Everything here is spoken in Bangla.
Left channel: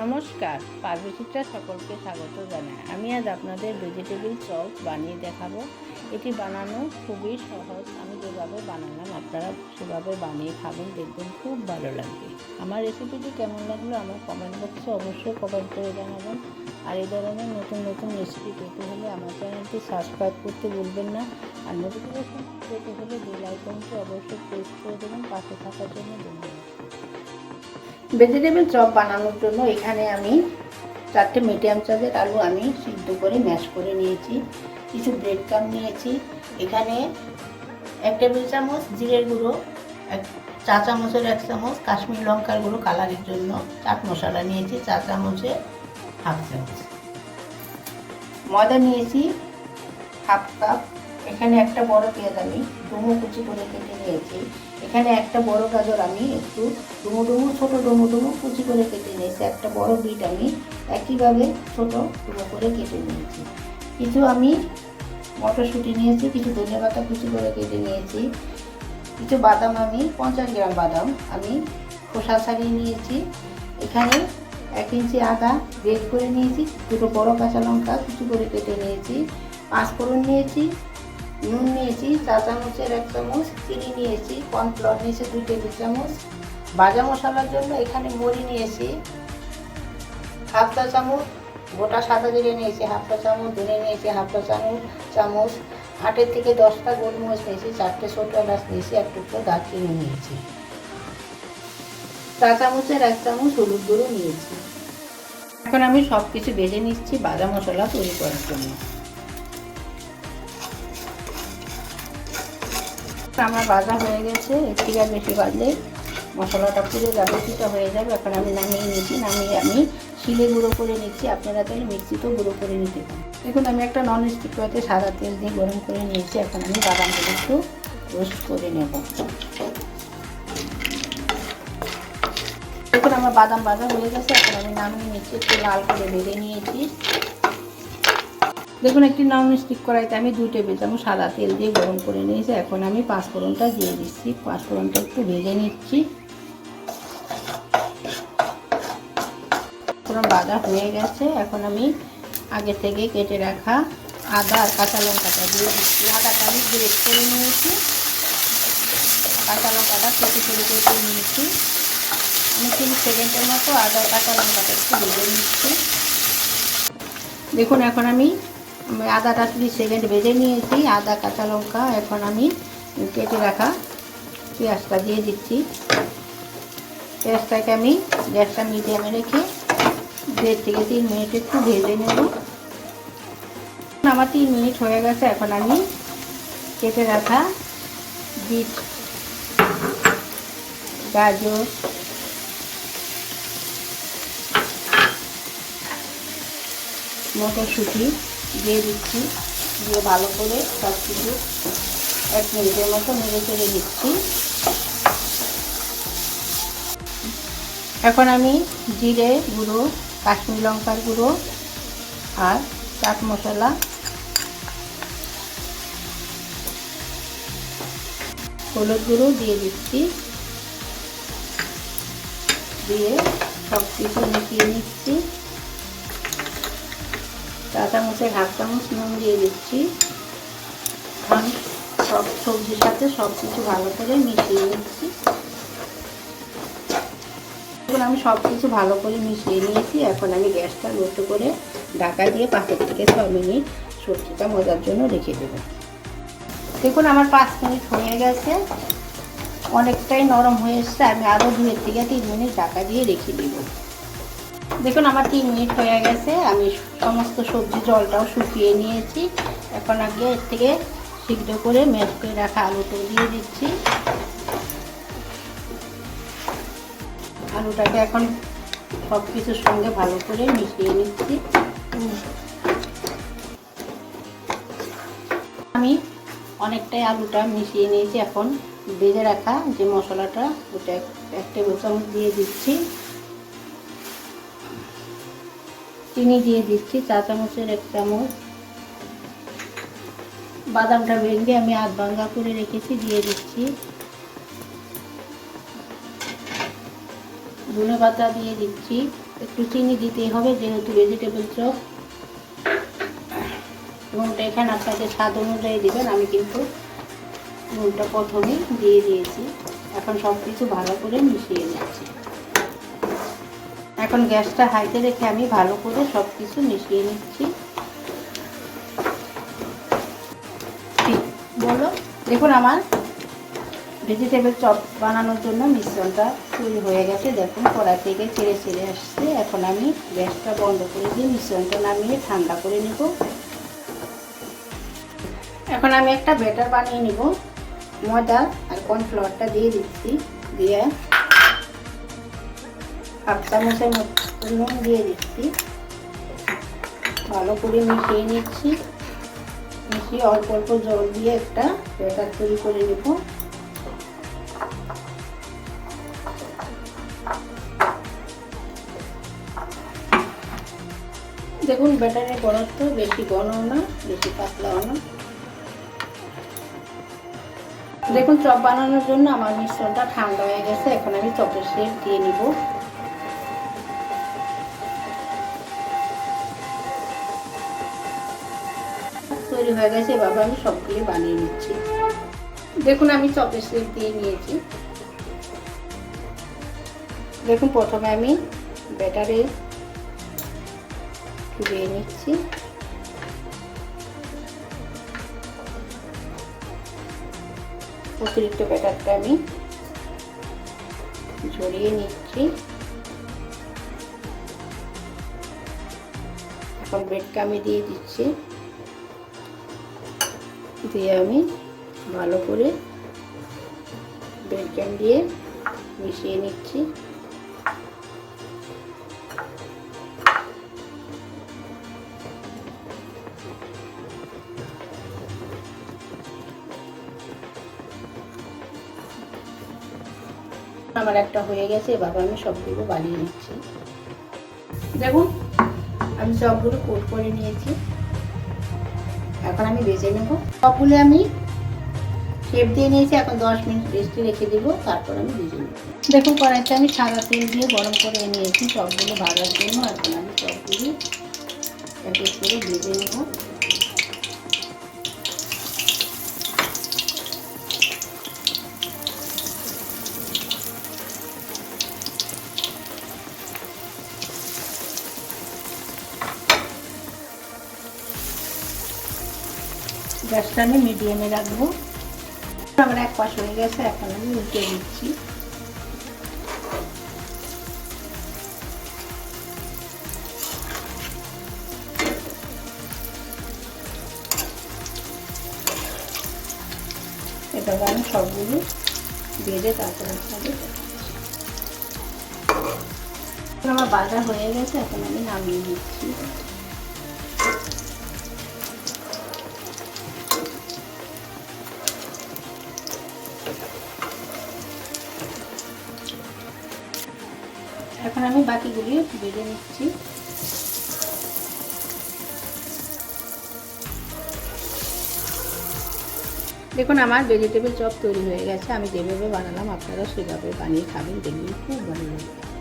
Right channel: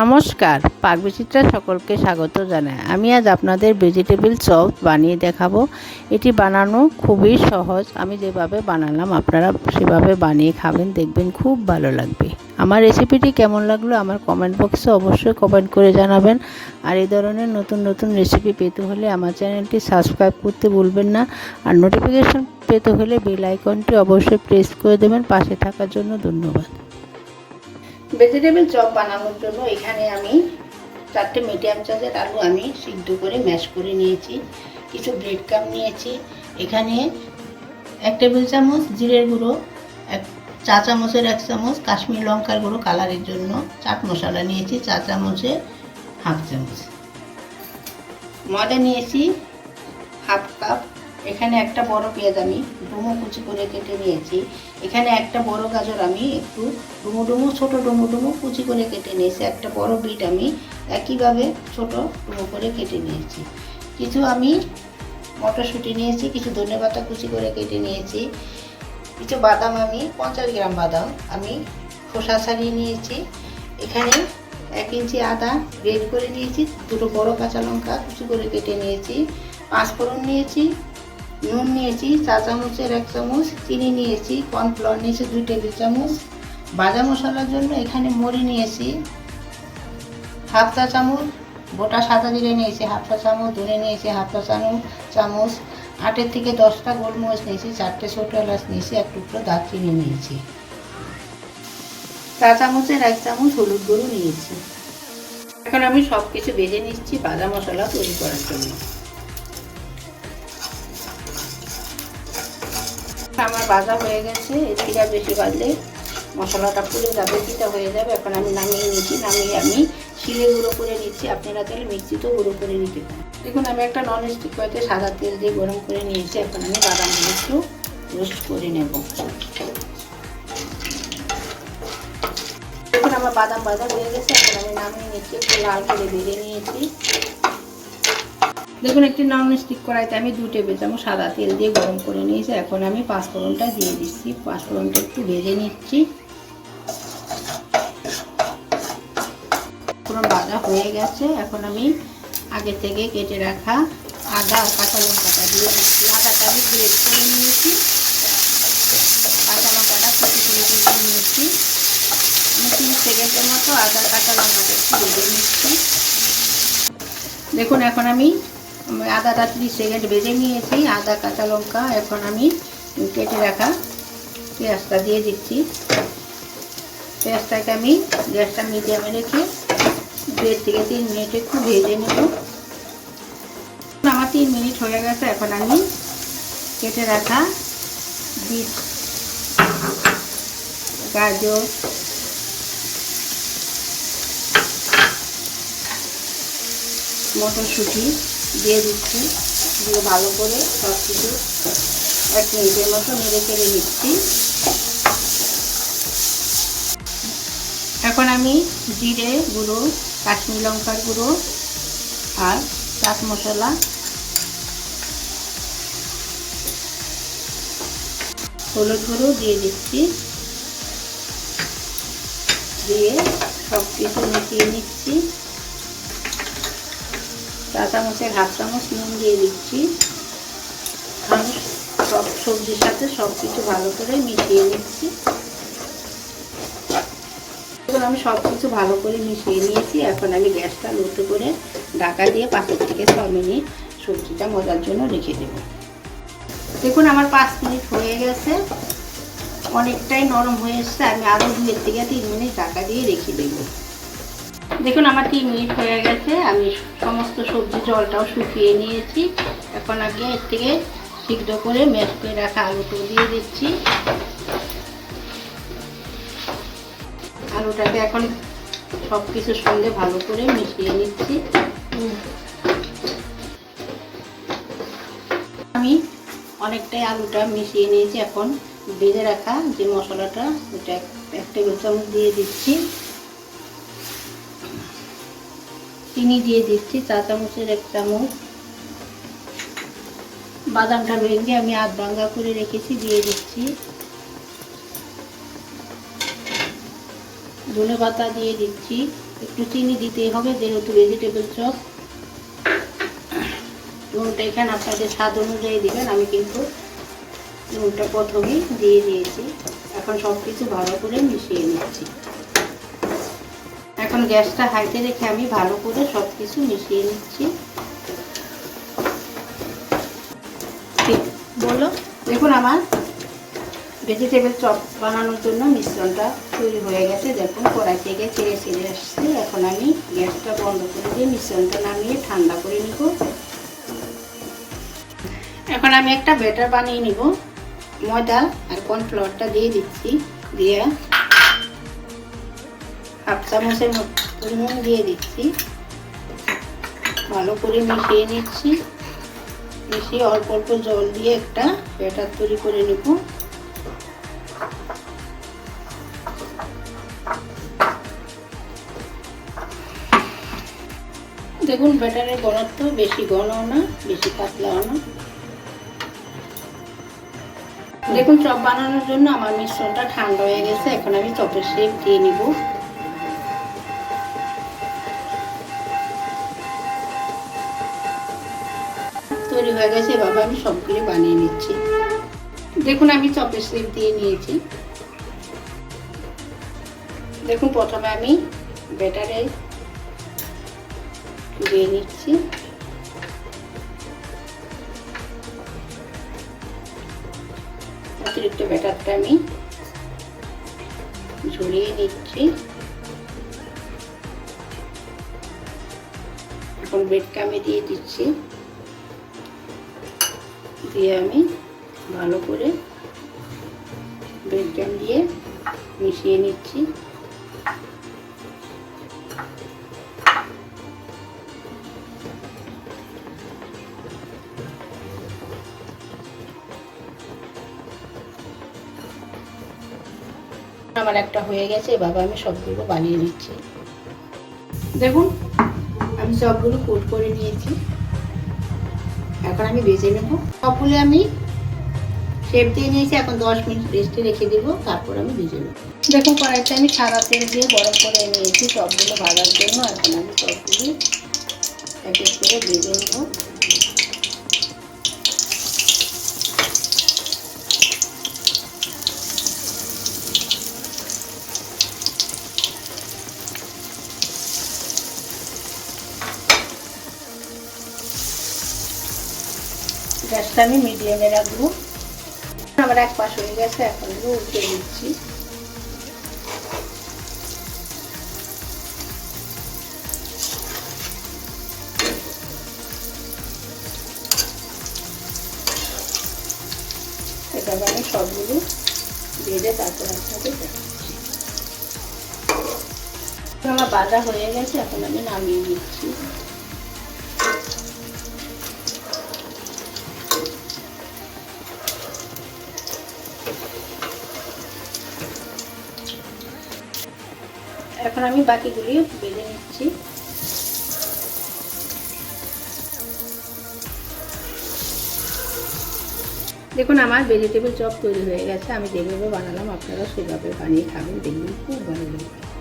নমস্কার পাকবিচিত্রা সকলকে স্বাগত জানাই। আমি আজ আপনাদের ভেজিটেবিল চপ বানিয়ে দেখাবো। এটি বানানো খুবই সহজ। আমি যেভাবে বানালাম, আপনারা সেভাবে বানিয়ে খাবেন, দেখবেন খুব ভালো লাগবে। আমার রেসিপিটি কেমন লাগল, আমার কমেন্ট বক্সে অবশ্যই কমেন্ট করে জানাবেন। আর এই ধরনের নতুন নতুন রেসিপি পেতে হলে আমার চ্যানেলটি সাবস্ক্রাইব করতে ভুলবেন না। আর নোটিফিকেশন পেতে হলে বেল আইকনটি অবশ্যই প্রেস করে দেবেন। পাশে থাকার জন্য ধন্যবাদ। ভেজিটেবল চপ বানানোর জন্য এখানে আমি চারটে মিডিয়াম সাইজের আলু আমি সিদ্ধ করে ম্যাশ করে নিয়েছি। কিছু ব্রেড কাম নিয়েছি। এখানে এক টেবিল চামচ জিরের গুঁড়ো, এক চা চামচের এক চামচ কাশ্মীর লঙ্কার গুঁড়ো কালারের জন্য চাট মশলা নিয়েছি, চা চামচে হাফ চামচ। ময়দা নিয়েছি হাফ কাপ এখানে একটা বড় পেঁয়াজ আমি ডুমো কুচি করে কেটে নিয়েছি। এখানে একটা বড় গাজর আমি একটু ডুমো ডুমো, ছোটো ডুমো ডুমো কুচি করে কেটে নিয়েছি। একটা বড় বিট আমি একইভাবে ছোট ডুমো করে কেটে নিয়েছি। কিছু আমি মটরশুঁটি নিয়েছি, কিছু ধনে পাতা কুচি করে কেটে নিয়েছি। কিছু বাদাম আমি, পঞ্চাশ গ্রাম বাদাম আমি খোসা ছাড়িয়ে নিয়েছি। এখানে এক ইঞ্চি আদা গ্রেড করে নিয়েছি, দুটো বড় কাঁচা লঙ্কা কুচি করে কেটে নিয়েছি। পাঁচ ফোড়ন নিয়েছি নুন নিয়েছি, চা চামচের এক চামচ, চিনি নিয়েছি কর্নফ্লোর নিয়েছি দুই টেবিল চামচ। ভাজা মশলার জন্য এখানে মরি নিয়েছি হাফ চা চামচ, গোটা সাদা জিরে নিয়েছি হাফ চা চামচ ধরে নিয়েছি হাফ চা চামচ চামচ। আটের থেকে দশটা গোলমরিচ নিয়েছি, চারটে ছোটো এলাচ নিয়েছি, এক টুকরো দারচিনি নিয়েছি। চা চামচের এক চামচ হলুদ গুঁড়ো নিয়েছি। এখন আমি সব কিছু ভেজে নিচ্ছি ভাজা মশলা তৈরি করার জন্য। আমার ভাজা হয়ে গেছে এর থেকে বেশি বাজলে মশলাটা পুড়ে যাবে পিঠা হয়ে যাবে। এখন আমি নামিয়ে নিচ্ছি, নামিয়ে আমি শিলে গুঁড়ো করে নিচ্ছি। আপনারা তাহলে মিক্সিতেও গুঁড়ো করে নিতে দেখুন, আমি একটা নন স্টিক কয়েতে সাদা তেল দিয়ে গরম করে নিয়েছি। এখন আমি বাদামগুলো একটু রোস্ট করে নেব। দেখুন, আমার বাদাম বাদাম হয়ে গেছে। এখন আমি নামিয়ে নিচ্ছি, একটু লাল করে বেড়ে নিয়েছি। দেখুন, একটি নন স্টিক কড়াইতে আমি দুই টেবিল চামচ সাদা তেল দিয়ে গরম করে নিয়েছি। এখন আমি পাঁচফোড়নটা দিয়ে দিচ্ছি। পাঁচফোড়নটা একটু ভেজে নিচ্ছি। পুরো বাজা হয়ে গেছে। এখন আমি আগে থেকে কেটে রাখা আদা আর কাঁচা লঙ্কাটা দিয়ে দিচ্ছি। আদাটা আমি গ্রেট করে নিয়েছি। কাঁচা লঙ্কাটা কেটে কেটে কেটে নিয়েছি। আমি তিরিশ সেকেন্ডের মতো আদা কাঁচা লঙ্কাটা একটু ভেজে নিচ্ছি। দেখুন, এখন আমি আমি আদাটা ত্রিশ সেকেন্ড ভেজে নিয়েছি, আদা, কাঁচা লঙ্কা, এখন আমি কেটে রাখা পেঁয়াজটা দিয়ে দিচ্ছি। পেঁয়াজটাকে আমি গ্যাসটা মিডিয়ামে রেখে দেড় থেকে তিন মিনিট একটু ভেজে নেব। আমার তিন মিনিট হয়ে গেছে, এখন আমি কেটে রাখা বিট গাজর, মটরশুঁটি দিয়ে দিচ্ছি। দিয়ে ভালো করে সব কিছু এক মিনিটের মতো নেড়ে চেড়ে দিচ্ছি। এখন আমি জিরে গুঁড়ো, কাশ্মীর লঙ্কার গুঁড়ো আর চাট মশলা হলুদ গুঁড়ো দিয়ে দিচ্ছি। দিয়ে সব কিছু মিশিয়ে নিচ্ছি। চা চামচে হাফ চামচ, নুন দিয়ে দিচ্ছি। সব সবজির সাথে সব কিছু ভালো করে মিশিয়ে নিচ্ছি। আমি সব কিছু ভালো করে মিশিয়ে নিয়েছি। এখন আমি গ্যাসটা লোটো করে ঢাকা দিয়ে পাঁচের থেকে ছ মিনিট সবজিটা মজার জন্য রেখে দেব। দেখুন, আমার পাঁচ মিনিট হয়ে গেছে। অনেকটাই নরম হয়ে এসছে। আমি আরও দুয়ের থেকে তিন মিনিট ঢাকা দিয়ে রেখে দেবো। দেখুন, আমার তিন মিনিট হয়ে গেছে। আমি সমস্ত সবজি জলটাও শুকিয়ে নিয়েছি। এখন আগে এর থেকে সিদ্ধ করে ম্যাশ করে রাখা আলুটা দিয়ে দিচ্ছি। আলুটাকে এখন সব কিছুর সঙ্গে ভালো করে মিশিয়ে নিচ্ছি। আমি অনেকটাই আলুটা মিশিয়ে নিয়েছি। এখন ভেজে রাখা যে মশলাটা, ওটা এক টেবিল চামচ দিয়ে দিচ্ছি। চিনি দিয়ে দিচ্ছি, চা চামচের এক চামচ বাদামটা ভেঙে আমি আধ ভাঙ্গা করে রেখেছি, দিয়ে দিচ্ছি। ধনে পাতা দিয়ে দিচ্ছি। একটু চিনি দিতেই হবে, যেহেতু ভেজিটেবল চপ। নুনটা এখানে আপনাদের স্বাদ অনুযায়ী দেবেন, আমি কিন্তু নুনটা প্রথমে দিয়ে দিয়েছি। এখন সব কিছু ভালো করে মিশিয়ে নিচ্ছি। এখন গ্যাসটা হাইতে রেখে আমি ভালো করে সব কিছু মিশিয়ে নিচ্ছি। বলো? দেখুন আমার ভেজিটেবল চপ বানানোর জন্য মিশ্রণটা তৈরি হয়ে গেছে। দেখুন, কড়াই থেকে ছেড়ে ছেড়ে আসছে। এখন আমি গ্যাসটা বন্ধ করে দিয়ে মিশ্রণটা নামিয়ে ঠান্ডা করে নেব। এখন আমি একটা ব্যাটার বানিয়ে নিব। ময়দা আর কর্নফ্লাওয়ারটা দিয়ে দিচ্ছি। দিয়ে হাফ চামচের মতো নুন দিয়ে দিচ্ছি। ভালো করে মিশিয়ে নিচ্ছি। মিশিয়ে অল্প অল্প জল দিয়ে একটা ব্যাটার তৈরি করে নেব। দেখুন, ব্যাটারের ঘনত্ব বেশি ঘনও না, বেশি পাতলাও না। দেখুন, চপ বানানোর জন্য আমার মিশ্রণটা ঠান্ডা হয়ে গেছে। এখন আমি চপের শেপ দিয়ে নিব। তৈরি হয়ে গেছে, এভাবে আমি সবগুলি বানিয়ে নিচ্ছি। দেখুন, আমি চপের শেপ দিয়ে নিয়েছি। দেখুন, প্রথমে আমি ব্যাটারে দিয়ে নিচ্ছি। অতিরিক্ত ব্যাটারটা আমি ঝরিয়ে নিচ্ছি। এখন ব্রেডটা আমি দিয়ে দিচ্ছি। দিয়ে আমি ভালো করে ব্রেডটা দিয়ে মিশিয়ে নিচ্ছি। আমার একটা হয়ে গেছে, এভাবে আমি সবগুলো বানিয়ে নিচ্ছি। দেখুন, আমি সবগুলো কোট করে নিয়েছি। এখন আমি বেজে নেব। সবগুলো আমি শেপ দিয়ে নিয়েছি, এখন দশ মিনিট রেস্টে রেখে দেবো, তারপর আমি ভেজে নেব। দেখুন, কড়াইতে আমি সাদা তেল দিয়ে গরম করে নিয়েছি সবগুলো ভাজার জন্য, এখন আমি সবগুলো এক এক করে ভেজে নেব। গ্যাসটা আমি মিডিয়ামে রাখব। আমার এক পাশ হয়ে গেছে, এখন আমি উল্টে দিচ্ছি। এটাকে আমি সবগুলো ভেজে তারপর আমার বাজা হয়ে গেছে, এখন আমি নামিয়ে দিচ্ছি। এখন আমি বাকিগুলি বেঁধে নিচ্ছি। দেখুন, আমার ভেজিটেবল চপ তৈরি হয়ে গেছে। আমি যেভাবে বানালাম, আপনারা সেভাবে বানিয়ে খাবেন, দেখবেন খুব ভালো লাগবে